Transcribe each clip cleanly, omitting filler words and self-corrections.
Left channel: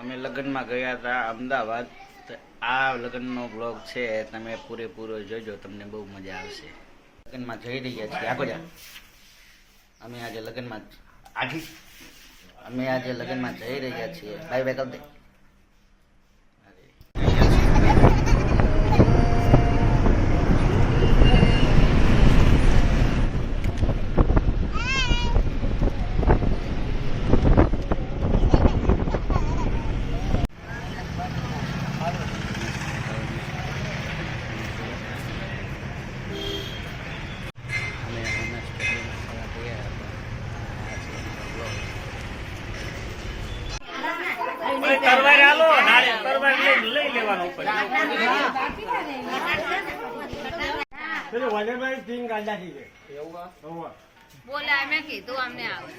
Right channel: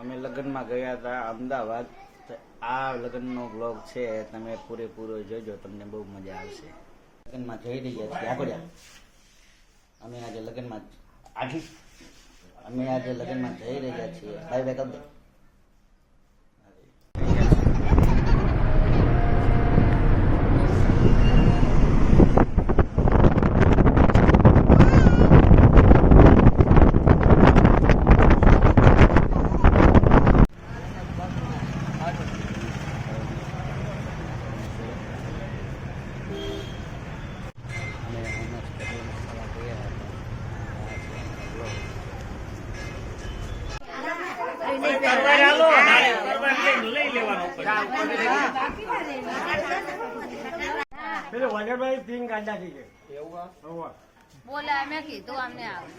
અમે લગ્નમાં ગયા હતા અમદાવાદ. આ લગ્નનો બ્લોગ છે, તમે પૂરેપૂરો જોજો, તમને બહુ મજા આવશે. લગ્નમાં જઈ રહ્યા છીએ આગળ. અમે આજે લગ્નમાં જઈ રહ્યા છીએ. બાય બાય કરી દે. બોલા મેં કીધું અમને આવે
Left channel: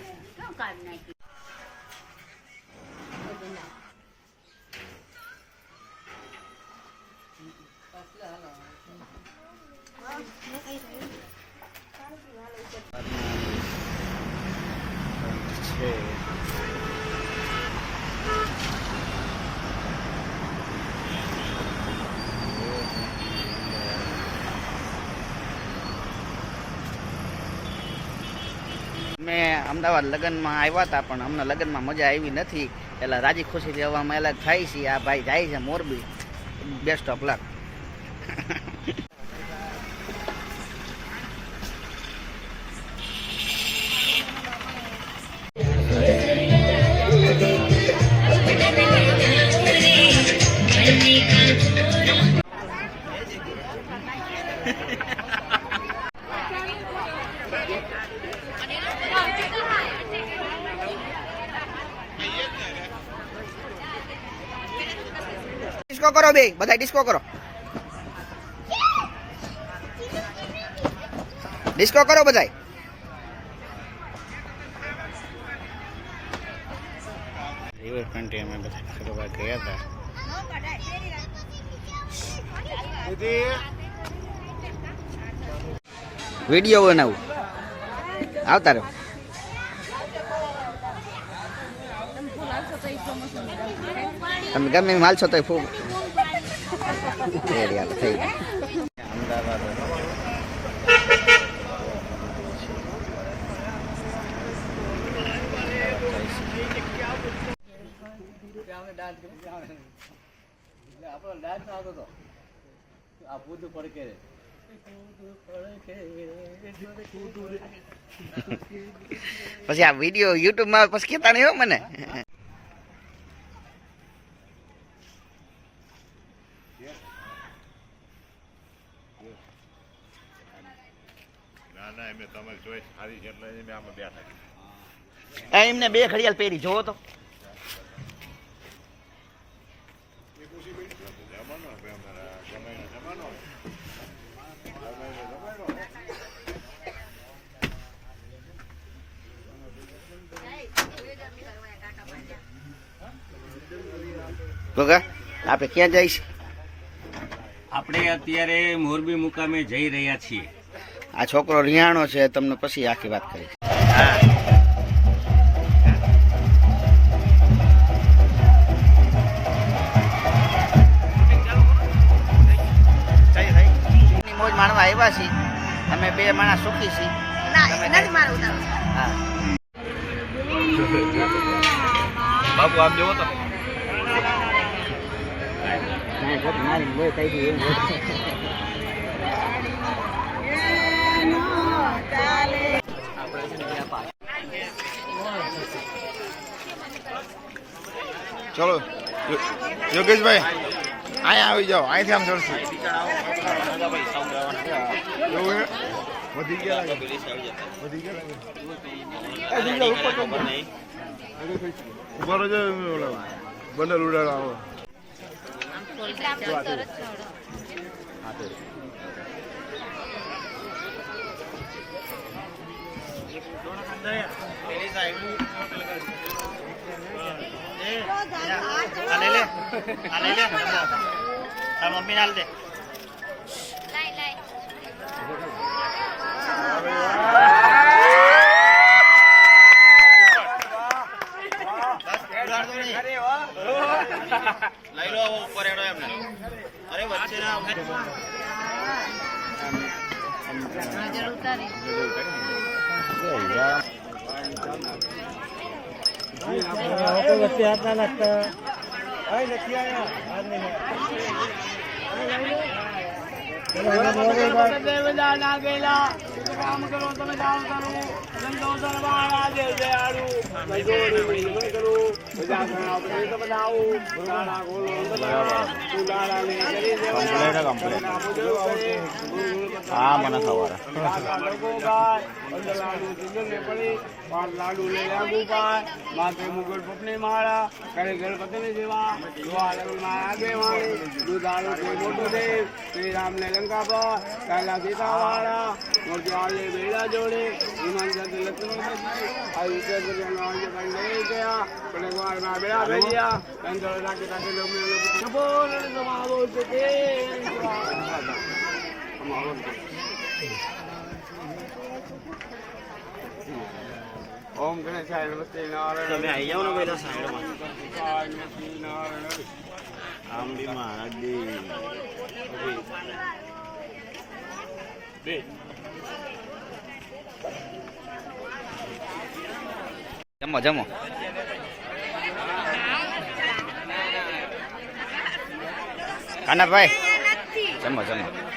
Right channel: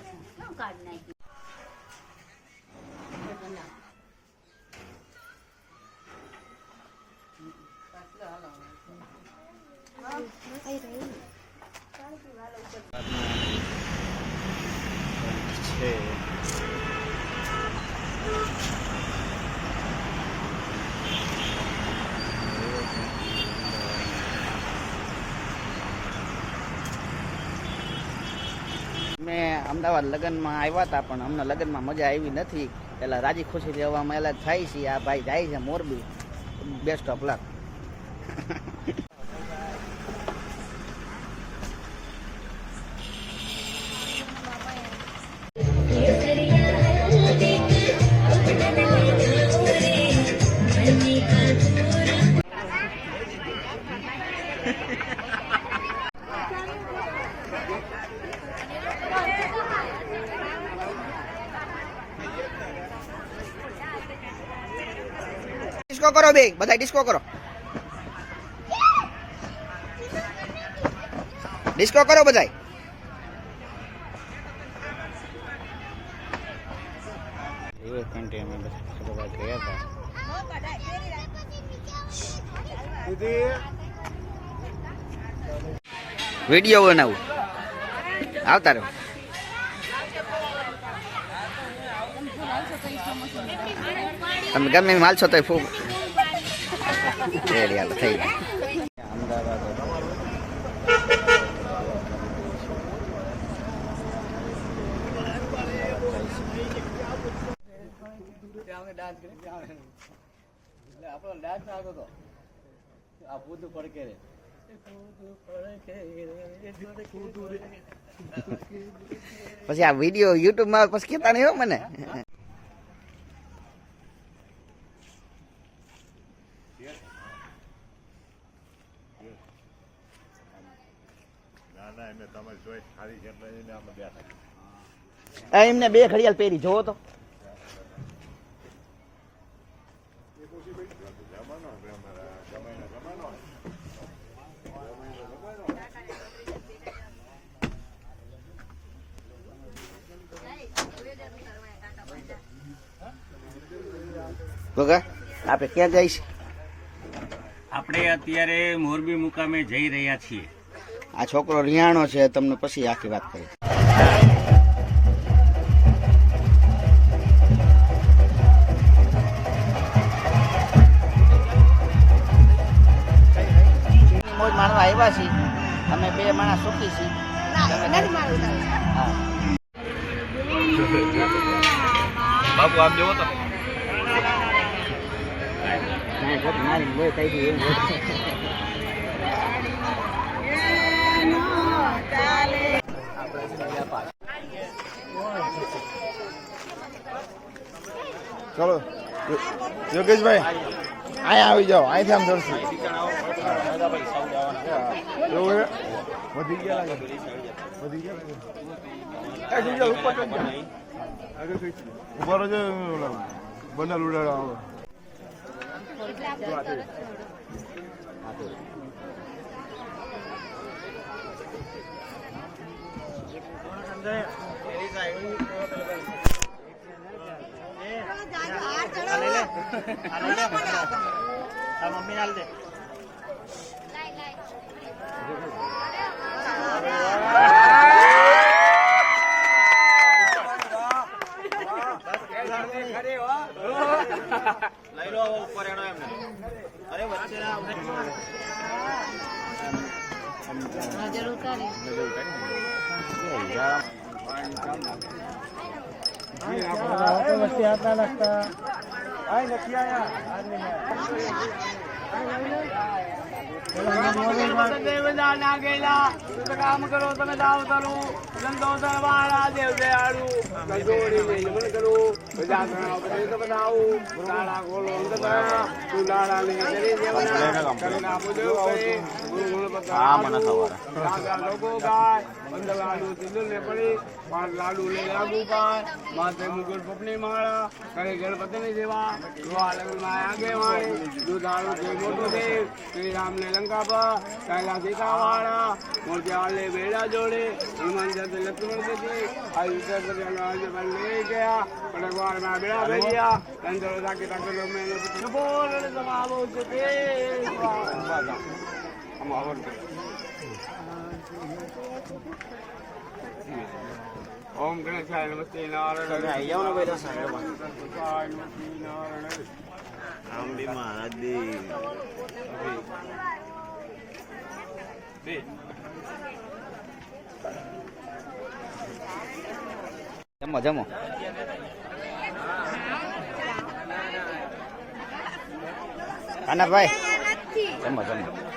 છે મેં અમદાવાદ લગ્નમાં આવ્યા હતા, પણ અમને લગ્નમાં મજા આવી નથી. એટલે રાજી ખુશીથી હવામાં અલગ થાય છે. આ ભાઈ જાય છે Morbi. Best of luck. Disco કરો બે, બધા ડિસ્કો કરો. ડિસ્કો કરો બધા. રિવર ફ્રન્ટ અમે બધા ફરવા ગયા હતા. વિડીયો બનાવું આવતા રહ્યો. તમે ગમે માલશો તો ફૂ રેડી હાલ થઈ ગઈ. અમદાવાદ પછી આ વિડીયો યુટ્યુબ માં પછી કેતા નહીં હો મને. એમને બે ઘડિયાળ પહેરી જોવો તો. આપણે ક્યાં જઈશ? આપણે અત્યારે મોરબી મુકામે જઈ રહ્યા છીએ. આ છોકરો રિયાણો છે, તમને પછી આખી વાત કરીશ. મોજ માણવા આવ્યા છીએ. અમે બે માણસ સુખી છીએ. બાપુ આપ જોવો તો મારી બોય થઈ ગઈ એવું. ચલો યોગેશભાઈ અહીંયા આવી જાઓ, અહીંથી આમ ચડશું. ઉપર જ બંડલ ઉડાડો આવો. મમ્મી નાલ દે. લઈ લો ઉપર એનો એમને અરે વચ્ચે ના નજર ઉતારી કામ કરો તમે દાવ કરું ધંધો સરવાળા દેવ દયાળુ બનાવું દાડા ગોળો તું દાડા ને કરી દેવાના કરેલા બધું કરે લોકો ગાય 15 લાડુ તુંદર ને પડી 5 લાડુ લઈ લાગુ પાય માથે મુગલ પપની માળા કરે ગણપતિ ની સેવા દુઆ લગન માં આગે વાળી દુધાળો છે મોટો છે શ્રી રામ ને લંકા પર કાયલા સીતા વાળા મોરજે આલે બેડા જોડે હનુમાન જયંતિ લક્ષ્મણ પતિ આયુષ્ય જગન્નાથ લઈ ગયા ભગવાન માં બેડા ભેજ્યા ચંદ્ર રાખી રાખી મેં બોલે તમારો છે ઓમ ગણેશાય નમસ્તે નારાયણ તમે આવી જાઓ ને પેલા સાઈડમાં નારાયણ આમ બી મહારાજ દી જમો જમો કાનાભાઈ જમો જમો